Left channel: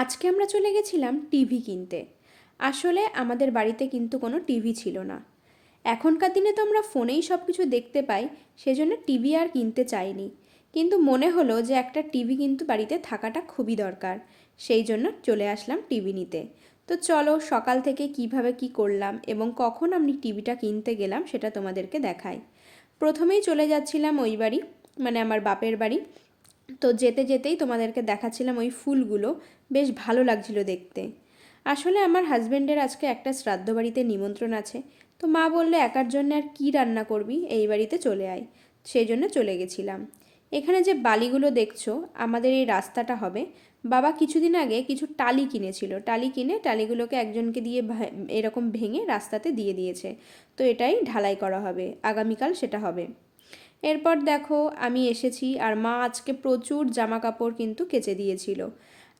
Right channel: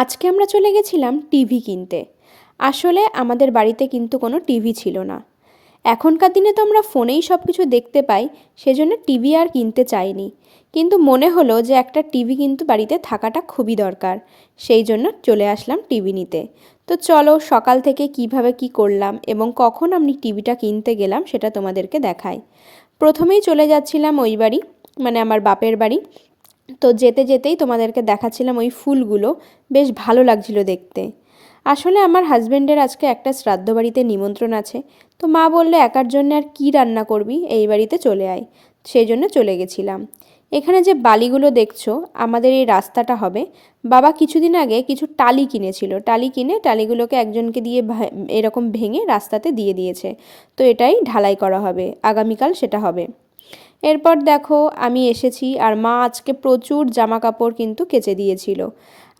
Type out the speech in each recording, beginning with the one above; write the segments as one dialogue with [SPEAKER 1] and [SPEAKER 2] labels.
[SPEAKER 1] আজকে আমরা চলে গেছিলাম টিভি কিনতে। আসলে আমাদের বাড়িতে কিন্তু কোনো টিভি ছিল না। এখনকার দিনে তো আমরা ফোনেই সব কিছু দেখতে পাই, সেজন্য টিভি আর কিনতে চাইনি। কিন্তু মনে হলো যে একটা টিভি কিন্তু বাড়িতে থাকাটা খুবই দরকার, সেই জন্য চলে আসলাম টিভি নিতে। তো চলো সকাল থেকে কীভাবে কি করলাম এবং কখন আমি টিভিটা কিনতে গেলাম সেটা তোমাদেরকে দেখাই। প্রথমেই চলে যাচ্ছিলাম ওই বাড়ি মানে আমার বাপের বাড়ি। তো যেতে যেতেই তোমাদেরকে দেখাচ্ছিলাম ওই ফুলগুলো। বেশ ভালো লাগছিল দেখতে। আসলে আমার হাজব্যান্ডের আজকে একটা শ্রাদ্ধ বাড়িতে নিমন্ত্রণ আছে। তো মা বলল, একার জন্য আর কী রান্না করবি? এই বাড়িতে চলে আয়। সেই জন্য চলে গেছিলাম। এখানে যে বালিগুলো দেখছ, আমাদের এই রাস্তাটা হবে। বাবা কিছুদিন আগে কিছু টালি কিনেছিল। টালি কিনে টালিগুলোকে একজনকে দিয়ে এরকম ভেঙে রাস্তাতে দিয়ে দিয়েছে। তো এটাই ঢালাই করা হবে। আগামীকাল সেটা হবে। এরপর দেখো, আমি এসেছি আর মা আজকে প্রচুর জামা কাপড় কিন্তু কেচে দিয়েছিল।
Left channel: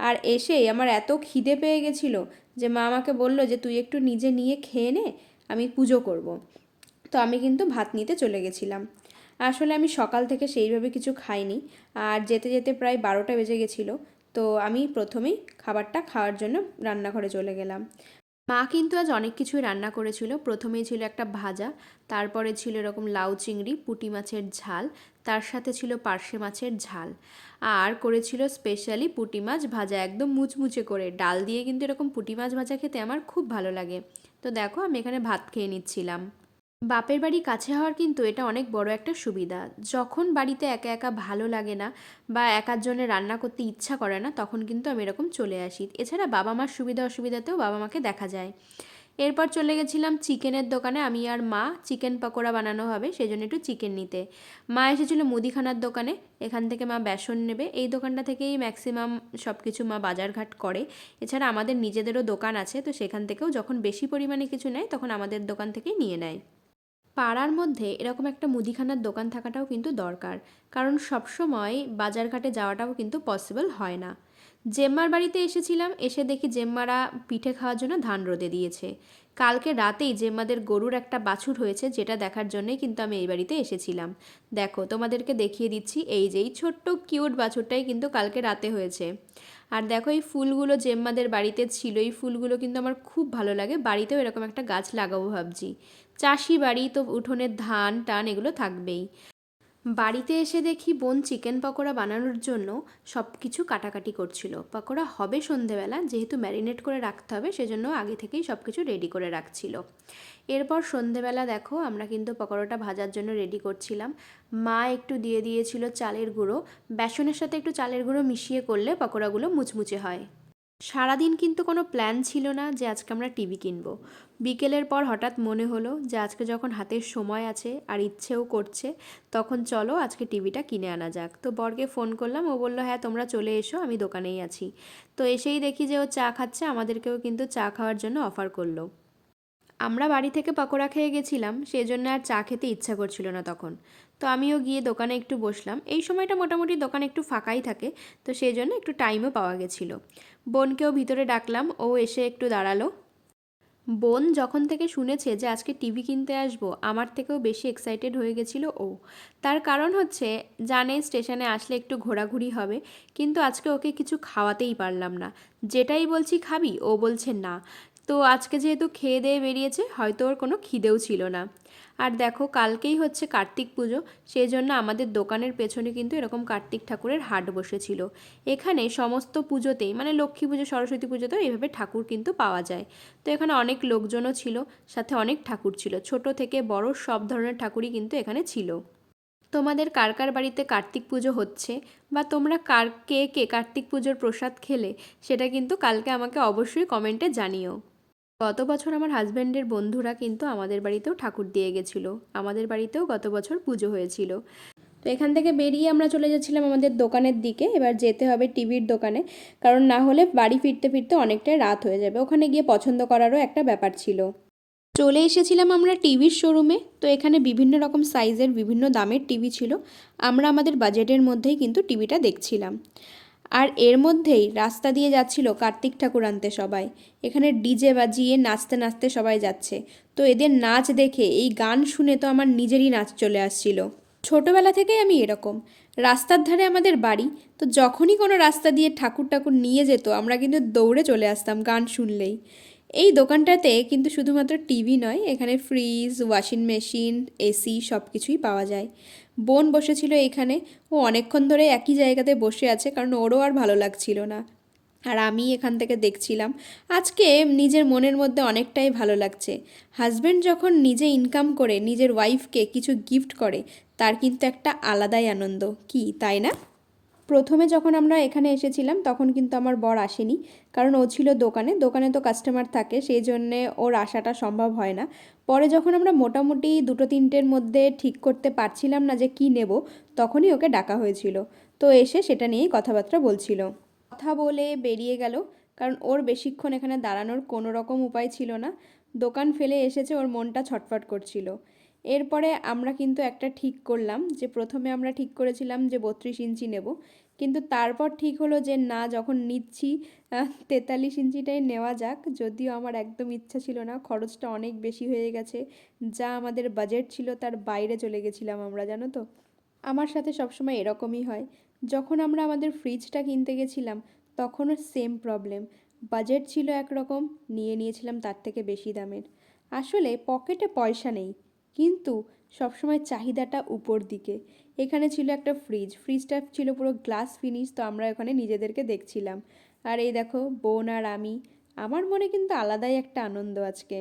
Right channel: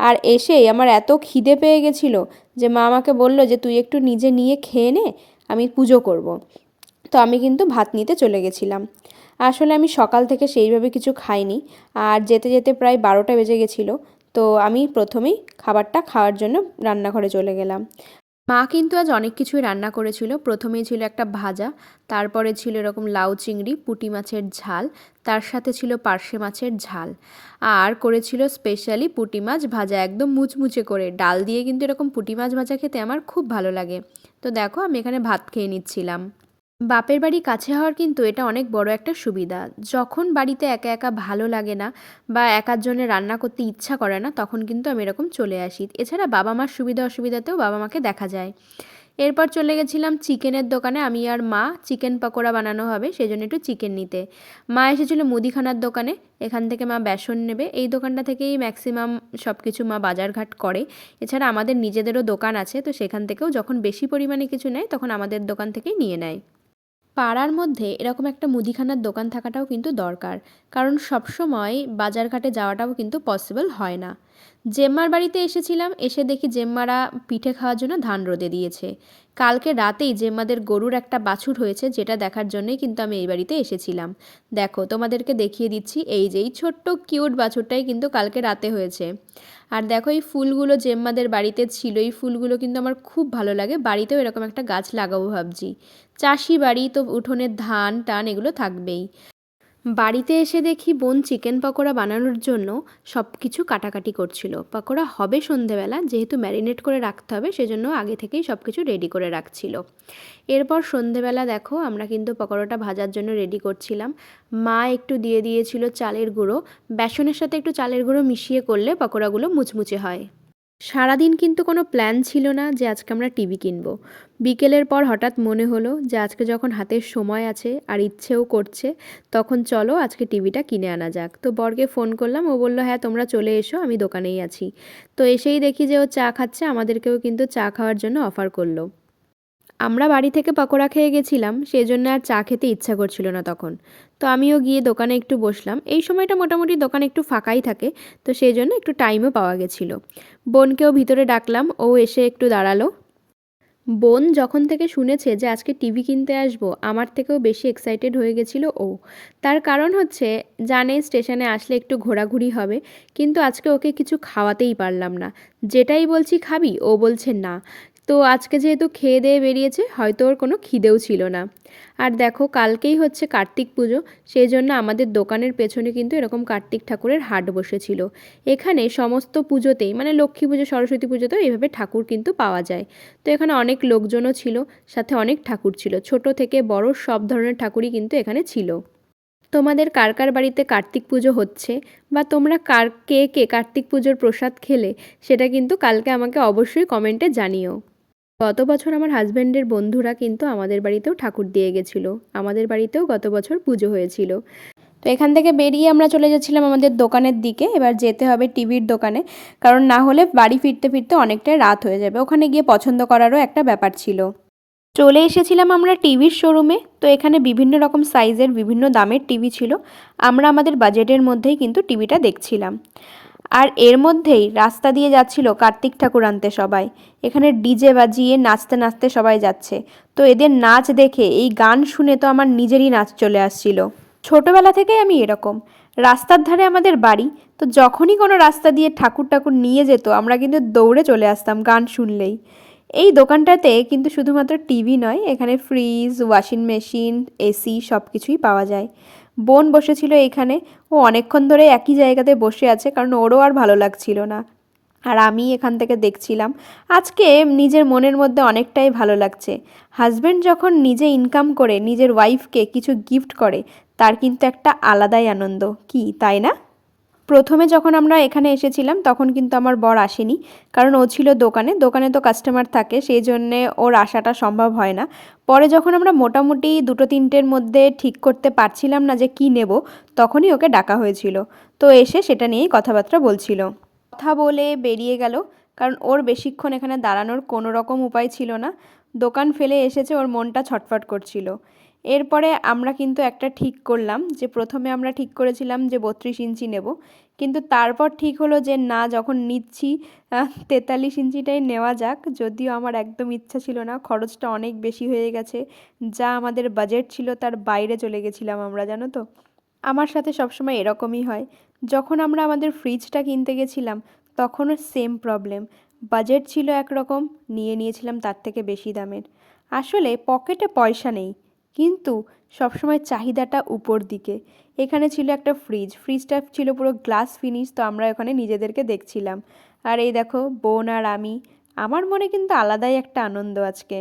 [SPEAKER 1] আর এসেই আমার এত খিদে পেয়ে গেছিল যে মা আমাকে বলল যে, তুই একটু নিজে নিয়ে খেয়ে নে, আমি পুজো করব। তো আমি কিন্তু ভাত নিতে চলে গেছিলাম। আসলে আমি সকাল থেকে সেইভাবে কিছু খাইনি আর যেতে যেতে প্রায় বারোটা বেজে গেছিল। তো আমি প্রথমেই খাবারটা খাওয়ার জন্য রান্নাঘরে চলে গেলাম। মা কিন্তু আজ অনেক কিছুই রান্না করেছিল। প্রথমেই ছিল একটা ভাজা, তারপরে ছিল এরকম লাউ চিংড়ি, পুটি মাছের ঝাল, তার সাথে ছিল পার্শে মাছের ঝাল। আর করেছিল স্পেশালি পুটি মাছ ভাজা, একদম মুচমুচে করে। ডাল দিয়ে কিন্তু এরকম পুটি মাছ ভাজা খেতে আমার খুব ভালো লাগে। তো দেখো আমি এখানে ভাত খেয়ে নিচ্ছিলাম। বাপের বাড়ি কাছে হওয়ার কিন্তু এটা অনেক বড় একটা সুবিধা। যখন বাড়িতে একা একা ভালো লাগে না বা একার জন্য রান্না করতে ইচ্ছা করে না, তখন কিন্তু আমি এরকম চলে আসি। এছাড়া বাবা মার সুবিধা অসুবিধাতেও বাবা মাকে দেখা যায়। এরপর চলে গেছিলাম চিকেনের দোকানে। আমি আর মা চিকেন পকোড়া বানানো হবে সেই জন্য একটু চিকেন নিতে। মা এসেছিল মুদিখানার দোকানে, এখান থেকে মা বেসন নেবে। এই দোকানটা থেকেই ম্যাক্সিমাম সব কিছু মা বাজারঘাট করে। এছাড়া আমাদের নিজেদেরও দোকান আছে, তো সেখান থেকেও যখন বেশি পরিমাণে কিছু নেয়, তখন আমাদের দোকান থেকেই নিয়ে নেয়। পাড়ার মধ্যে এরকম একটা মুদিখানার দোকান থাকাটাও কিন্তু দরকার। কারণ সবসময় বাজারঘাটে যাওয়াটাও কিন্তু পসিবল হয় না। জেম্মার বাড়িতে এসেছিলাম, এসে দেখি জেম্মারা পিঠে খাওয়ার জন্য ধান রোদে দিয়েছে। কালকে রাতেই জেম্মাদের গরুর একটা বাছুর হয়েছে, যেটা দেখার জন্যই কিন্তু আমি এই বাড়িতে এসেছিলাম। দেখো, তোমাদেরকে দেখিয়ে দিচ্ছি, এই যে এই ছোট্ট কিউট বাছুরটাই কিন্তু কালকে রাতে হয়েছে। আর দেখো, এই ফুলগুলো জেম্মাদের বাড়িতে ছিল, এই ফুলগুলো কিন্তু আমার খুব ভালো লাগে। বাড়িতেও এরকম একটা গাছ লাগাবো ভাবছি। চাষি বাড়ি তো উঠোনের ধান, টান এগুলো থাকবেই। বাড়িতে এসে দেখি বোন চিকেন পকোড়া বানানোর জন্য সব কিছু কাটাকাটি করছিল। পকোড়া হবে সন্ধেবেলা, যেহেতু ম্যারিনেট করে রাখতে হবে, সেজন্য আগে থেকেই সব কিছু রেডি করে রাখছিল। এরপর সন্ধেবেলা দেখো, আমরা কিন্তু পকোড়াটা ভাজার জন্য রেডি করছিলাম। মা একটু দিয়ে দিয়েছিল চালের গুঁড়ো। বেসনের সাথে একটু চালের গুঁড়ো মিশিয়ে করলে পকোড়াগুলো মুচমুচে হয়। সারাদিন কিন্তু কোনো প্ল্যান ছিল না যে আজকে আমরা টিভি কিনবো। বিকেলের পর হঠাৎ মনে হলো যে আজকে যখন হাতের সময় আছে আর ইচ্ছেও করছে, তখন চলো আজকে টিভিটা কিনে আনা যাক। তো বরকে ফোন করলাম, ও বলল হ্যাঁ তোমরা চলে এসো, আমি দোকানেই আছি। তো এসেই দেখি যে ও চা খাচ্ছে, আমাদেরকেও কিন্তু চা খাওয়ার জন্য অফার করল। আমরা বাড়ি থেকে পকোড়া খেয়ে গেছিলাম সেই জন্য আর চা খেতে ইচ্ছা করছিল না তখন। তো আমিও গিয়ে দোকানে একটু বসলাম। এই সময়টা মোটামুটি দোকান একটু ফাঁকাই থাকে, তো সেই জন্য একটু টাইমও পাওয়া গেছিল। বোনকেও ভিতরে ডাকলাম, ও এসে একটু দাঁড়াল। বোন যখন থেকে শুনেছে যে আজকে টিভি কিনতে আসব, আমার থেকেও বেশি এক্সাইটেড হয়ে গেছিল ও। তার কারণ হচ্ছে, জানে স্টেশনে আসলে একটু ঘোরাঘুরি হবে, কিন্তু আজকে ওকে কিছু খাওয়াতেই পারলাম না। যেটাই বলছি খাবি, ও বলছে না। তো আজকে যেহেতু খেয়ে দিয়ে বেরিয়েছে, হয়তো ওর কোনো খিদেও ছিল না। আর দেখো, কালকেই হচ্ছে কার্তিক পুজো, সেই জন্য আমাদের দোকানের পেছনে কিন্তু এরকম কার্তিক ঠাকুরের হাট বসেছিল। এখানে সমস্ত পুজোতেই মানে লক্ষ্মী পুজো, সরস্বতী পুজোতেও এইভাবে ঠাকুর কিন্তু পাওয়া যায়। তো এখানে অনেক লোকজনও ছিল, সাথে অনেক ঠাকুর ছিল। ছোট থেকে বড় সব ধরনের ঠাকুরই কিন্তু এখানে ছিল। তোমাদের কার কার বাড়িতে কার্তিক পুজো হচ্ছে, বা তোমরা কার, কে কে কার্তিক পুজোর প্রসাদ খেলে, সেটা কিন্তু কালকে আমাকে অবশ্যই কমেন্টে জানিও। গত বছর আমার হাজব্যান্ডের বন্ধুরা কিন্তু আমাদের বাড়িতেও ঠাকুর দিয়ে গেছিল। আমাদের বাড়িতেও গত বছর পুজো হয়েছিল। তো এখান থেকে বেরিয়ে আমরা চলে যাচ্ছিলাম আমাদের দোকানের দিকে। এবার যেতে হবে টিভির দোকানে, কারণ না হলে বাড়ি ফিরতে ফিরতে অনেকটাই রাত হয়ে যাবে। ওখানে গিয়ে পছন্দ করারও একটা ব্যাপার ছিল। চলে এসেছিলাম আমরা টিভির শোরুমে। তো এখানে বিভিন্ন রকম সাইজের বিভিন্ন দামের টিভি ছিল। আমরা আমাদের বাজেটের মধ্যেই কিন্তু টিভিটা দেখছিলাম। আর এর মধ্যেই রাস্তা দিয়ে যাচ্ছিল কার্তিক ঠাকুর আনতে সবাই। এখানে ডিজে বাজিয়ে নাচতে নাচতে সবাই যাচ্ছে। তো এদের নাচ দেখে এই গান শুনে তো আমার নিজেরই নাচ চলে আসছিল। ছোটবেলা থেকেই আমি এরকম। রাস্তার ধারে আমাদের বাড়ি, তো যখনই কোনো রাস্তা দিয়ে ঠাকুর ঠাকুর নিয়ে যেত, আমরা কিন্তু দৌড়ে চলে আসতাম গান শুনলেই। এই দোকানটাতে কিন্তু শুধুমাত্র টিভি নয়, এখানে ফ্রিজ, ওয়াশিং মেশিন, এসি সব কিছুই পাওয়া যায়। বোন বসেছিল এখানে। ও অনেকক্ষণ ধরে একই জায়গাতে বসে আছে, কারণ ওরও আর ভালো লাগছিল না। আর আমি এখান থেকে দেখছিলাম, আজকে নিজের মনের মধ্যে অনেকটাই ভালো লাগছে। হাজব্যান্ড যখন নিজে ইনকাম করে, নিজের ওয়াইফকে কিছু গিফট করে, তার কিন্তু একটা আলাদাই আনন্দ। কি, তাই না? প্রথমে যখন আমরা এখানে এসেছিলাম, তখন কিন্তু আমার বর আসেনি। কারণ ও ছিল দোকানে দোকানে তো কাস্টমার থাকে, সেই জন্যে ওর আসাটা সম্ভব হয় না। পরে যখন আমরা মোটামুটি দুটো তিনটের মধ্যে ঠিক করতে পারছিলাম না যে কি নেব, তখনই ওকে ডাকা হয়েছিল। তো এসে সেটা নিয়েই কথাবার্তা বলছিল। কথা বলে বেরিয়ে গেল, কারণ ওর বেশিক্ষণ এখানে দাঁড়ানোর কোনো রকম উপায় ছিল না। দোকান ফেলে এসেছে, ওর মনটা ছটফট করছিল। এরপরে আমরা কিন্তু একটা ঠিক করলাম যে প্রথমে আমরা ঠিক করেছিলাম যে বত্রিশ ইঞ্চি নেব। কিন্তু তারপর ঠিক হলো যে না, যখন নিচ্ছি তেতাল্লিশ ইঞ্চিটাই নেওয়া যাক। যদিও আমার একদম ইচ্ছা ছিল না, খরচটা অনেক বেশি হয়ে গেছে। যা আমাদের বাজেট ছিল তার বাইরে চলে গেছিলাম আমরা, জানো তো? আমার সাথে সবসময় এরকমই হয়। যখন আমরা আমাদের ফ্রিজটা কিনতে গেছিলাম, তখনও সেম প্রবলেম বাজেট ছিল একরকম, নিয়ে নিয়েছিলাম তার থেকে বেশি দামের। আসলে পকেটে পয়সা নেই। কিন্তু সবসময় চাহিদাটা উপর দিকে। এখানে ছিল একটা ফ্রিজ ফ্রিজটা ছিল পুরো গ্লাস ফিনিশ তো আমরা ওখানে নিজেদেরকে দেখছিলাম। আর এই দেখো, বোন আর আমি, আমার মনে কিন্তু আলাদাই একটা আনন্দ আজকে।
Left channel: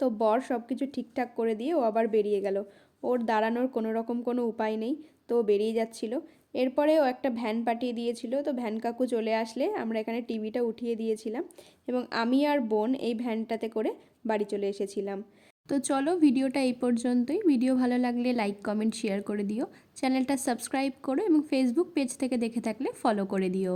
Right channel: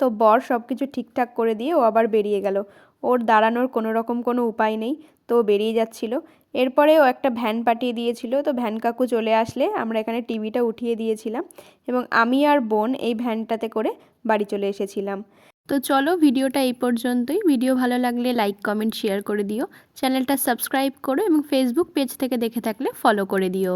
[SPEAKER 1] তো বর সব কিছু ঠিকঠাক করে দিয়ে ও আবার বেরিয়ে গেল। ওর দাঁড়ানোর কোনো রকম কোনো উপায় নেই, তো বেরিয়ে যাচ্ছিল। এরপরে ও একটা ভ্যান পাঠিয়ে দিয়েছিল, তো ভ্যান কাকু চলে আসলে আমরা এখানে টিভিটা উঠিয়ে দিয়েছিলাম এবং আমি আর বোন এই ভ্যানটাতে করে বাড়ি চলে এসেছিলাম। তো চলো ভিডিওটা এই পর্যন্তই। ভিডিও ভালো লাগলে লাইক কমেন্ট শেয়ার করে দিও। চ্যানেলটা সাবস্ক্রাইব করো এবং ফেসবুক পেজ থেকে দেখে থাকলে ফলো করে দিও।